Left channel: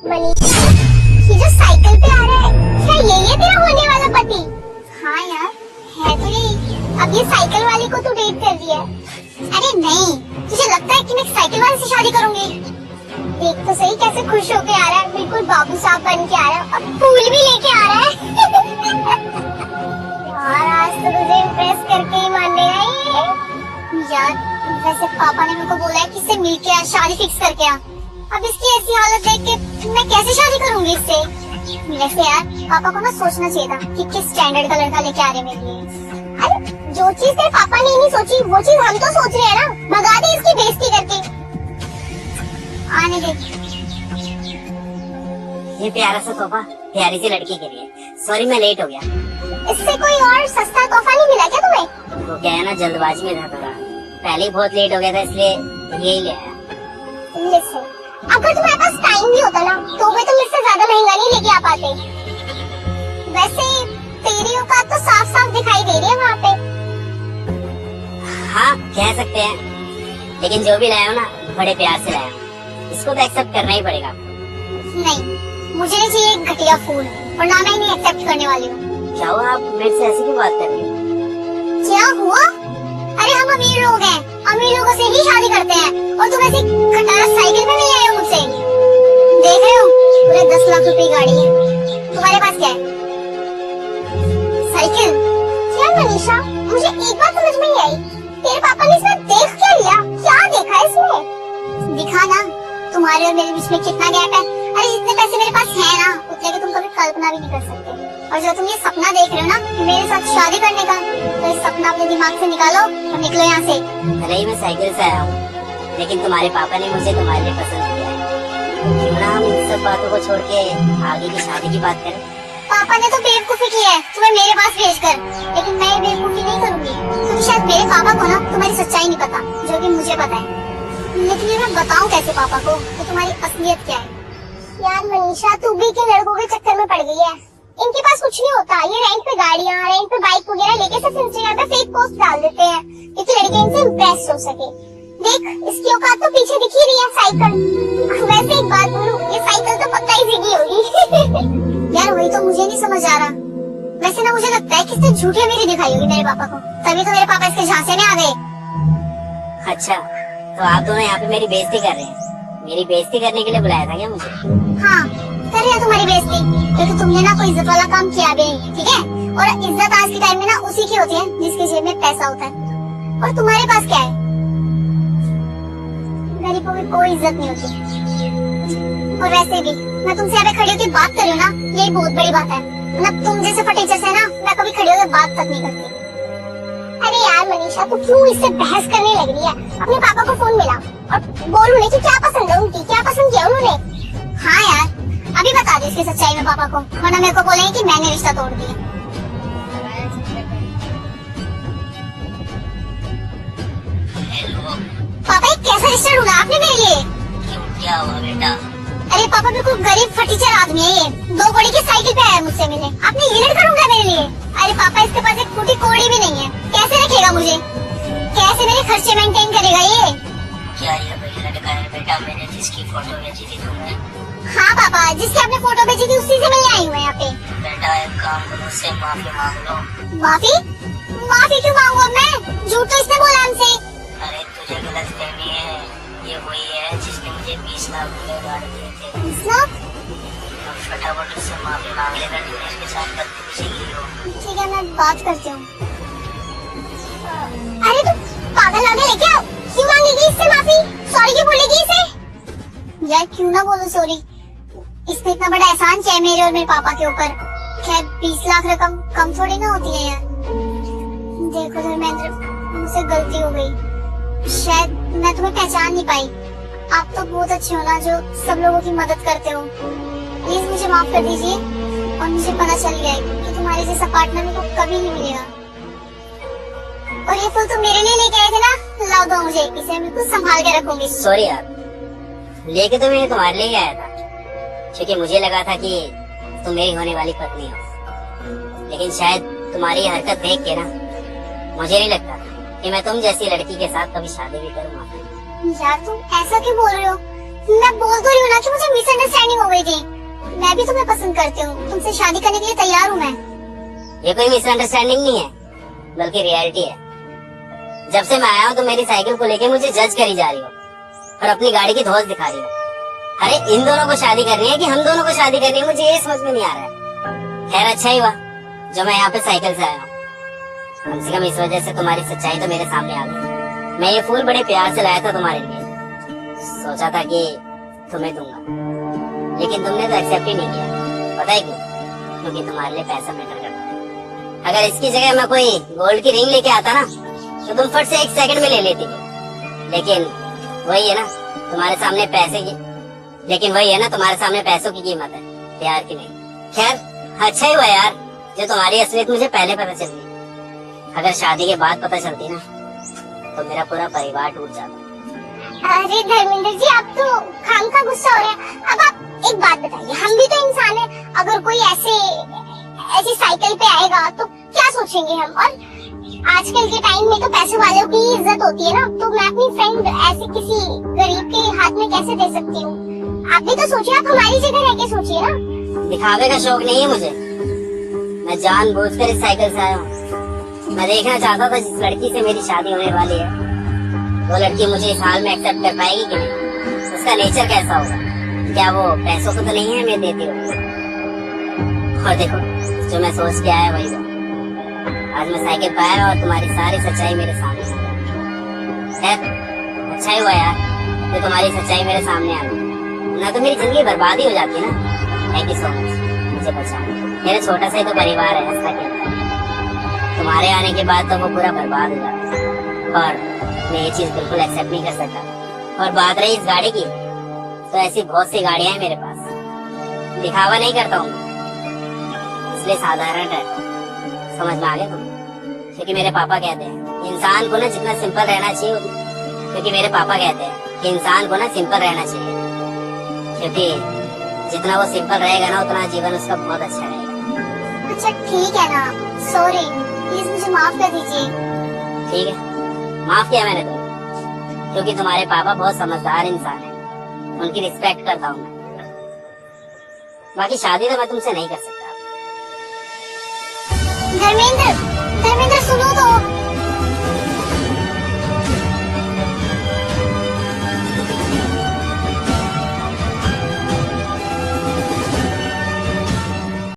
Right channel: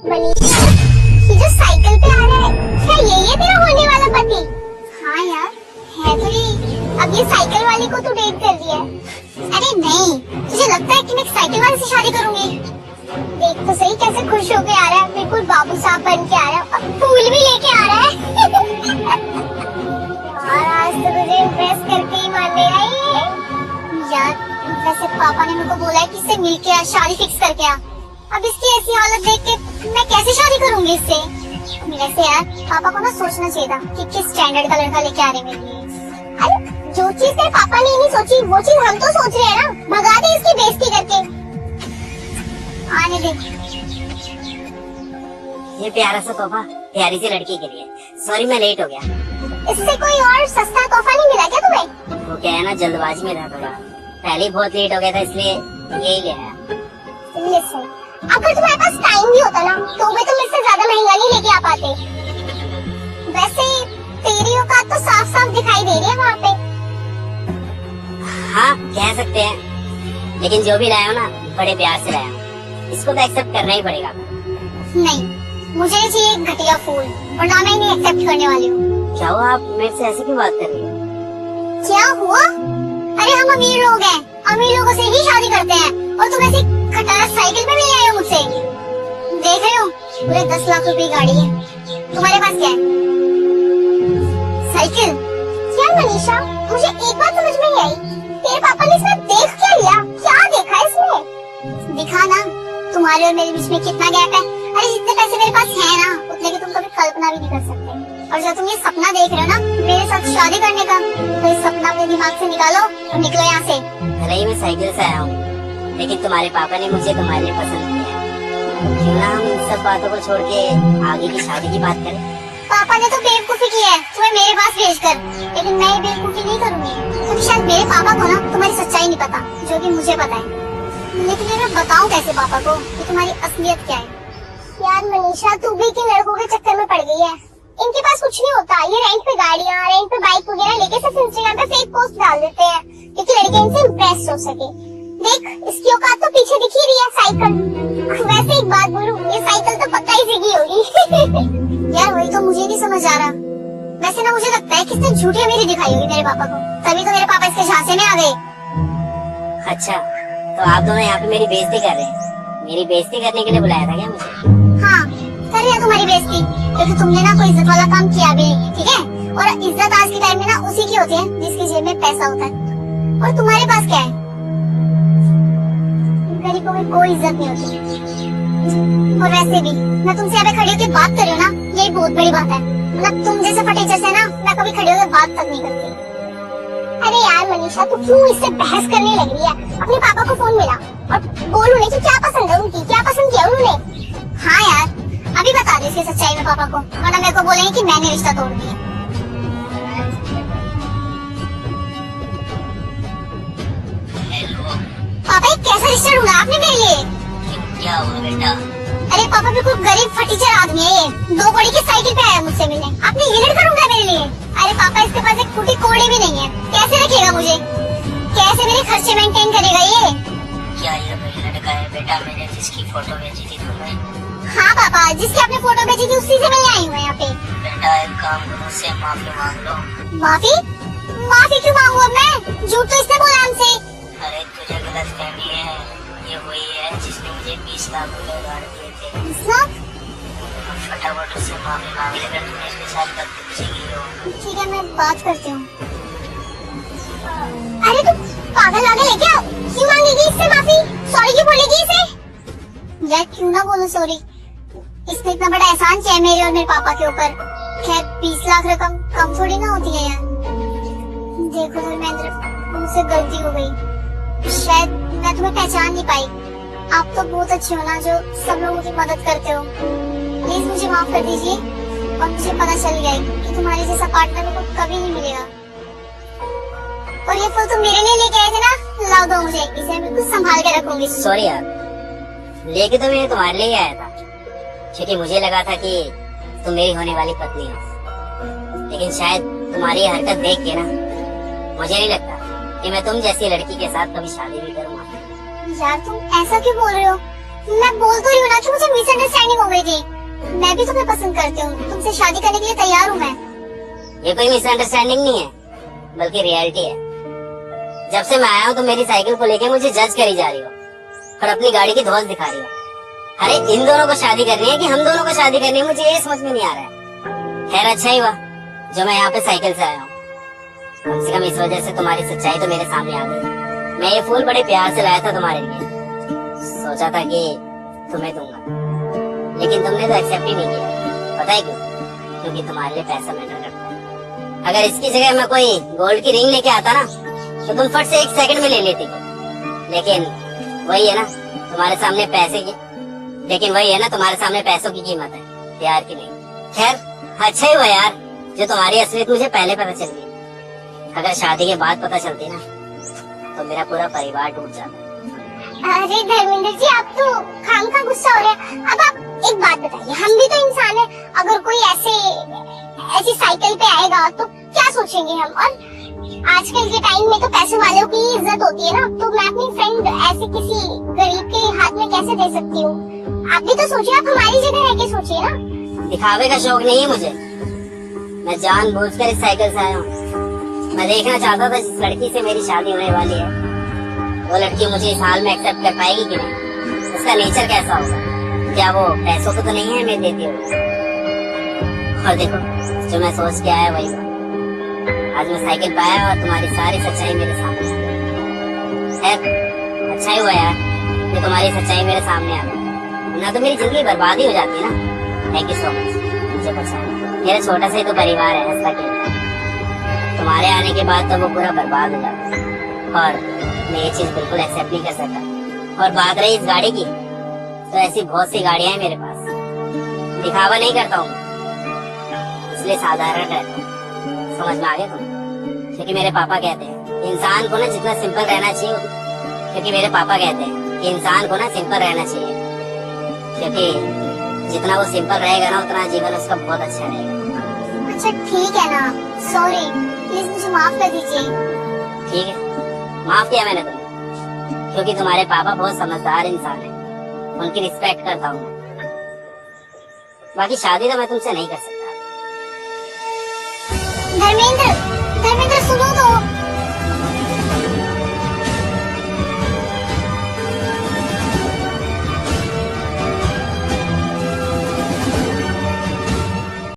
मनीषा, ये जो साइकिल पे आ रहा है, क्या यही है तेरा होने वाला पति? हाँ यार, है तो यही। अब ये साइकिल वाली को तू डेट कर दिया? अरे नहीं, तुझे लगता है कि मैं साइकिल वाले से शादी करूंगी? देख तो सही कैसे खुश होके आ रहा है, बिल्कुल बाबू साहब बन के आ रहा है, अब फूल भी लेके आ रहा है। यार आज तो तुझे इम्प्रेस करके ही मान लेगा ये। यार वैसे पापा ने मुझको बोला है कि इससे मिलके आ, शादी फिक्स करके आ। अब इसकी ऐसी हालत देख के मैं कैसे शादी करूंगी इससे? वैसे यार पापा को ना सोचना चाहिए था कि किस स्टैंडर्ड का लड़का लेके आ रहे मेरे लिए। अरे जो चीज तेरे पापा ने नहीं सोची वो चीज हम तो सोच रहे हैं ना। भगा दे इसकी बेइज्जती करके, आने दे। ये प्यारा सा तोहफा प्यारी सी लड़की के लिए। सॉरी मैं लेट हो गया। इससे कोई और सस्ता तोहफा नहीं मिला क्या तुम्हें? वो क्या है ना, जल्दबाजी में था थोड़ा, पहले ही बहुत लेट हो गया था इसलिए यही ले आया। लिसन, अगर तुम्हारे पास टाइम भी होता ना तो भी तुम इससे ज्यादा महंगा नहीं लेके आ पाते। वैसे तेरी औकात तो साफ साफ दिखाई दे रही है वहाँ पे। हाँ कह सकते हैं, लेकिन जो भी लाया हो ना बड़े प्यार से लाया हूँ, इसको तो एक्सेप्ट करना ही पड़ेगा। नहीं, मुझे नहीं चाहिए एक घटिया फूल, और ना मैं इन्हें एक्सेप्ट करने वाली हूँ। क्या हुआ, आप मेरे से ऐसे क्यों बात कर रही हो? क्या हुआ? अरे हम अमीर लोग हैं, अमीर लोगों से ही शादी करते हैं, और तुम ऐसी खटारा साइकिल पे मिल रहे हो मुझसे। देख रहे हो, पूरे 10 लाख रुपए की गाड़ी है, तुम्हारे पास क्या है? साइकिल? क्या मनीषा, मुझे एक बात समझ में नहीं आई, तेरे पापा ने इसमें देख क्या लिया? क्या देखा है इसमें? दिखा ना, तुम्हारे और मेरे बीच में कितना गैप है। अरे जितने पैसे मेरे पास है ना, उतने की तुम कभी कल्पना भी नहीं कर सकते। और जो तुम ये सपना देख रहे हो ना मेरे साथ शादी करने का, तो इस सपना अपने दिमाग से निकालो और निकलो यहाँ से। भले ही मैं साइकिल से आया हूँ, लेकिन तुम्हारे पापा ने मुझे तुम्हारे लिए पसंद किया है। क्यों ना हम इन सब बातों को छोड़ के आगे की शादी की बात करें? पापा ने तो बेवकूफी की है तुम्हें मेरे पास भेजकर, लेकिन मैं ये बेवकूफी नहीं करूंगी, क्योंकि शायद मेरे पापा को ना तुम्हारी सच्चाई नहीं पता, जो भी मुझे पता है। लेकिन ये मैं बताऊं कैसे पापा को कि तुम्हारी असलियत क्या है? यार मनीषा, तू भी किन लड़कों के चक्कर में पड़ गई है। इनके पास कुछ नहीं होता, ये रेंट पे गाड़ियाँ, रेंट पे बाइक वगैरह लेके सिर्फ इंस्टाग्राम पे फेक पोस्ट डाल देते हैं क्योंकि लड़के इनसे इम्प्रेस हो सके। देख, इसकी औकात तो पीछे दिख ही रही है, साइकिल। वैसे एक बात बोलूं, ये साइकिल तो पक्का ही सीधी होगी। यार वही तो मुझे नहीं समझ आ रहा। वैसे ना मुझे लगता है कि इसने झूठी अमीरी दिखाई होगी मेरे पापा को, तभी तो मेरे पापा इसके झांसे में आ गए। अच्छा, तो आप दोनों यहाँ पे मेरी बेइज्जती कर रहे हैं? मेरी बेइज्जती करने के लिए बुलाया था क्या मुझे? हाँ, कर रहे हो तुम्हारी बेइज्जती, क्योंकि तुमने ना कोई इज्जत वाला काम किया भी नहीं, ठीक है? और इज्जत आज के टाइम में ना उसी की होती है जिसके जेब में पैसा होता है, और तुम्हारे पास क्या है? गरीबों में कोई इज्जत नहीं होती। और वैसे भी मैं तुमसे यहाँ पे खड़ी होकर बात कर रही हूँ ना, ये बहुत बड़ी बात है। मतलब तुम जैसे फटीचर से ना मैं कभी खड़ी होकर बात तक नहीं करती। अरे यार मनीषा, तू क्यों इससे बहस करने लग रही है? अपने पापा को फोन मिला और बोल उन्हें कि क्या पसंद है उनकी, क्या पसंद किया उन्होंने। हाँ यार, अभी बता दे इसकी सच्चाई में पापा को, वरना मेरे को बोलेंगे कि मैंने रिश्ता तोड़ दिया। पापा एक कैसा रिश्ता ढूंढा आपने मेरे लिए? क्या हुआ बेटा? अरे पापा बिल्कुल गरीब फटीचर आदमी है, 2 कौड़ी की साइकिल पे आया मुझसे मिलने, आपने ये लड़का ढूंढा मेरे लिए? अरे पापा इसके पास एक फूटी कौड़ी भी नहीं है, कैसे रखेगा मुझे? कैसे मेरे खर्चे मेंटेन करेगा ये? क्या ये वही लड़का है बेटा मैंने जिसकी फोटो भेजी थी तुम्हें? हाँ पापा, जिसकी आपने फोटो भेजी थी उसी से मैं आई हूँ यहाँ पे। बेटा एक काम करो, उससे माफी मांग लो। माफी? माफी क्यों मांगू अब मैं? झूठ तो इसने बोला हमसे। अरे तुझे गलतफहमी है, ये वही है जिसने मुझे 20 लाख रुपए दान किए थे। 20 लाख? तो फटाफट उससे माफी मांग ले, अगर तूने इसके साथ गलती कुछ की हो। ठीक है, मैं बात करती हूँ। अरे तू पागल आ गया है क्या? क्यों मांगेगी इससे माफी? सॉरी क्यों बोलेगी इसे? यार क्यों ना बोलो सॉरी, इसने इतना बड़ा एहसान किया है मेरे और मेरे पापा के ऊपर। खैर 20 लाख रकम कम थोड़ी ना होती है यार। देखो धर्मेंद्र, मुझसे गलती हो गई, शायद मैं तुम्हें पहचान नहीं पाई। आप तो बहुत अच्छे हो ना, जो सब लोगों की मदद करते हो। प्लीज मुझे माफ कर दीजिए, और मुझे पता चल गया है कि तुम्हारे जैसा पार्टनर मेरे को कभी नहीं मिलेगा। और ये फूल तुम मेरे लिए लेके आए थे ना, ला दो मुझे, इसे मैं कुछ संभाल के रखूंगी। सॉरी यार, लेके तो मैं तुम्हारे लिए आया था, क्योंकि मुझे लगा था कि तुम मेरी होने वाली पत्नी हो। लेकिन शायद तुम्हारी हरकत देख के ना मुझे नहीं लगता कि मैं तुम जैसी लड़की के साथ कभी शादी भी करूंगा। यार तुम ऐसा क्यों बोल रहे हो? मैं बोल तो रही हूँ ना कि मुझे मिसअंडरस्टैंडिंग हो गई थी। मैं भी तुम्हें पसंद करती हूँ, तुमसे शादी करने के लिए तैयार हूँ मैं। ये कोई मिसअंडरस्टैंडिंग नहीं है, बल्कि रियलिटी है। जब से मैं आया हूँ तो मेरी साइकिल को लेके मुझे जज करी जा रही हो और अपनी गाड़ी की धौस दिखा रही हो। अरे इन दोनों को शादी करनी है कि हम दोनों को शादी करनी है, मुझे ये समझ में नहीं आ रहा है। खैर अच्छा ही हुआ जो मैं यहाँ पे साइकिल से आया हूँ, कम से कम इस वजह से तुम्हारी सच्चाई तो मेरे सामने आ गई। मैं ये फूल बड़े प्यार से लाया था तुम्हारे लिए, सोचा था कि तुम्हें दूंगा, लेकिन तुमने तो एक्सेप्ट ही नहीं किया। पता है क्यों? क्योंकि तुम्हारे लिए पैसा मैटर करता है। अगर इसकी जगह मैं कोई गोल्ड की रिंग लेके आता ना तो तुम फट से 1 सेकंड में ले लेती थी। लेकिन वही है ना तुम्हारे सामने पैसे की, लेकिन वही है ना तुम्हारे सामने पैसों की कीमत है, प्यार की नहीं। खैर अच्छा ही हुआ यार जो तुम्हारी असलियत मुझे पहले पता चल गई। अगर शादी के बाद पता चलती ना तो मेरा पूरा परिवार टूट जाता। अरे धर्मेंद्र जी, आप तो खामखा गुस्सा हो रहे हैं। अब आप एक बात बताइए, हम भी तो इंसान हैं। अगर कोई ऐसी साइकिल पे आएगा तो क्या सोचेंगे हम? और आजकल के टाइम में तो पैसे वालों की इज्जत होती है ना, तो मैं अपनी फ्रेंड ऐसे किसी गरीब के हाथ में कैसे दे सकती हूँ? आप भी तो सोचिए, आप हमारी जगह रह के सोचिए ना। दिखावे का शौक नहीं है मुझे, मैं जानबूझकर इस साइकिल से आया हूँ। मैं देखना चाहता था जिस लड़की से मेरी शादी होने वाली है वो लड़की मुझे इस हाल में एक्सेप्ट कर पाएगी कि नहीं, उसका नेचर कैसा होगा, क्या वो पैसों को तो नहीं है मैं देती हूँ। और देखो जो मैं सोच के आया वही हुआ। आज मैं साइकिल पे आया और तुम्हारी सारी सच्चाई मेरे सामने आ गई। खैर अच्छा ही हुआ यार कि तुम्हारी सच्चाई मेरे सामने आ गई, ना तो मेरी जिंदगी बर्बाद ही हो जाती ना। थैंक यू सो मच मुझे पहचाना। मेरा छोटा सा ही तो परिवार है, ऐसा कहता है। तुम्हारे आने के बाद तो वो पूरा बर्बाद हो जाता और मैं ये चीज बिल्कुल एक्सेप्ट नहीं कर सकता। और बात रही इस गाड़ी की, तो ऐसी बहुत सी गाड़ियां हैं मेरे पास। दिखावा नहीं करता हूँ, इसलिए साधारण रहता हूँ। समझ में आ गया तुम? क्योंकि मेरे पापा कहते हैं इंसान को ना जितना सिंपल रहना चाहिए, क्योंकि मेरे पापा कहते हैं कि इंसान को ना सिंपल रहना चाहिए, क्योंकि जितना वो सिंपल रहेगा ना उतना जीवन उसका बहुत अच्छा रहेगा। अच्छा ठीक है ना, सॉरी, प्लीज मुझे माफ कर दीजिए। ठीक है, माफ किया मैंने तुम्हें, क्योंकि तुम्हारे पापा बहुत समझदार इंसान है, उनकी रिस्पेक्ट करता हूँ मैं। बाकी शादी तो मैं तुमसे नहीं कर सकता। धर्मेंद्र